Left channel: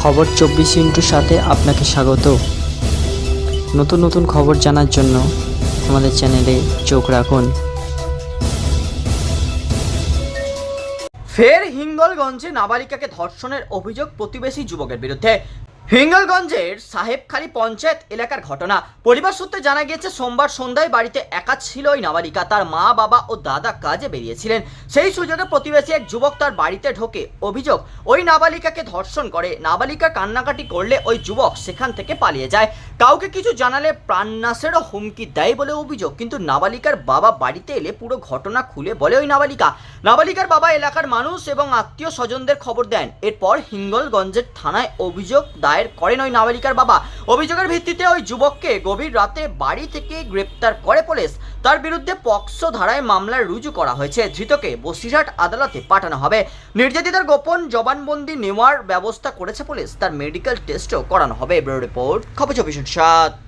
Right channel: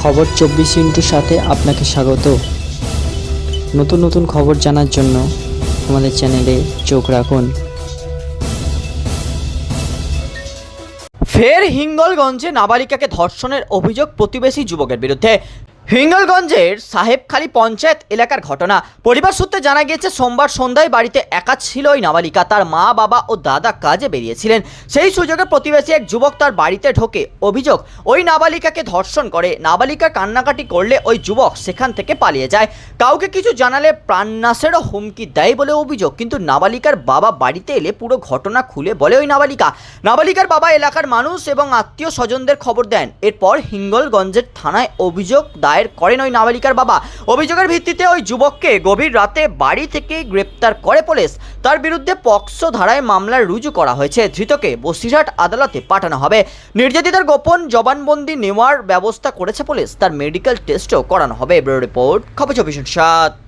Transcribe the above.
খবর চব্বিশ ইন্টুর সাথে আপনাকে স্বাগত। নতুন নতুন খবর জানার জন্য আমাদের চ্যানেলে চোখ রাখুন। ফের হিঙ্গলগঞ্জে নাবালিকাকে ধর্ষণের অভিযোগ প্রতিবেশী যুবকের বিরুদ্ধে। হিঙ্গলগঞ্জের সাহেবখালী পঞ্চায়েত এলাকার ঘটনা। পরিবার সূত্রে জানা গিয়েছে, সোমবার সন্ধ্যায় বাড়িতে একা ছিল ওই নাবালিকা। তার মা, বাবা ও দাদা কাজে বেরিয়েছিলেন। সেই সুযোগে প্রতিবেশী এক যুবক তার বাড়িতে ঢোকে। অভিযোগ, ওই নাবালিকাকে ধর্ষণ করে। নাবালিকা কান্নাকাটি করলে ওই যুবক সেখান থেকে পালিয়ে যায়। কাউকে কিছু জানালে প্রাণনাশেরও হুমকি দেয় বলে অভিযোগ, কিন্তু নাবালিকার বাবা বাড়িতে এলে পুরো ঘটনা খুলে বলে ওই নাবালিকা। নাবালিকার বাবা এলাকার মানুষ এবং আত্মীয় স্বজনদের খবর দেন। এরপর হিঙ্গলগঞ্জের থানায় অভিযোগ দায়ের করেন ওই নাবালিকার বাবা। অভিযোগের ভিত্তিতে ওই যুবককে গভীর রাতে বাড়ি থেকে গ্রেপ্তার করে পুলিশ। তার বিরুদ্ধে পক্সো ধারায় মামলা রুজু করা হয়েছে। ধৃতকে বসিরহাট আদালতে পাঠানো হবে। নির্যাতিতার গোপন জবানবন্দি নেওয়ার ব্যবস্থা করেছে পুলিশ। তার মেডিকেল টেস্টও করানো হবে। ব্যুরো রিপোর্ট, খবর চব্বিশ সাত।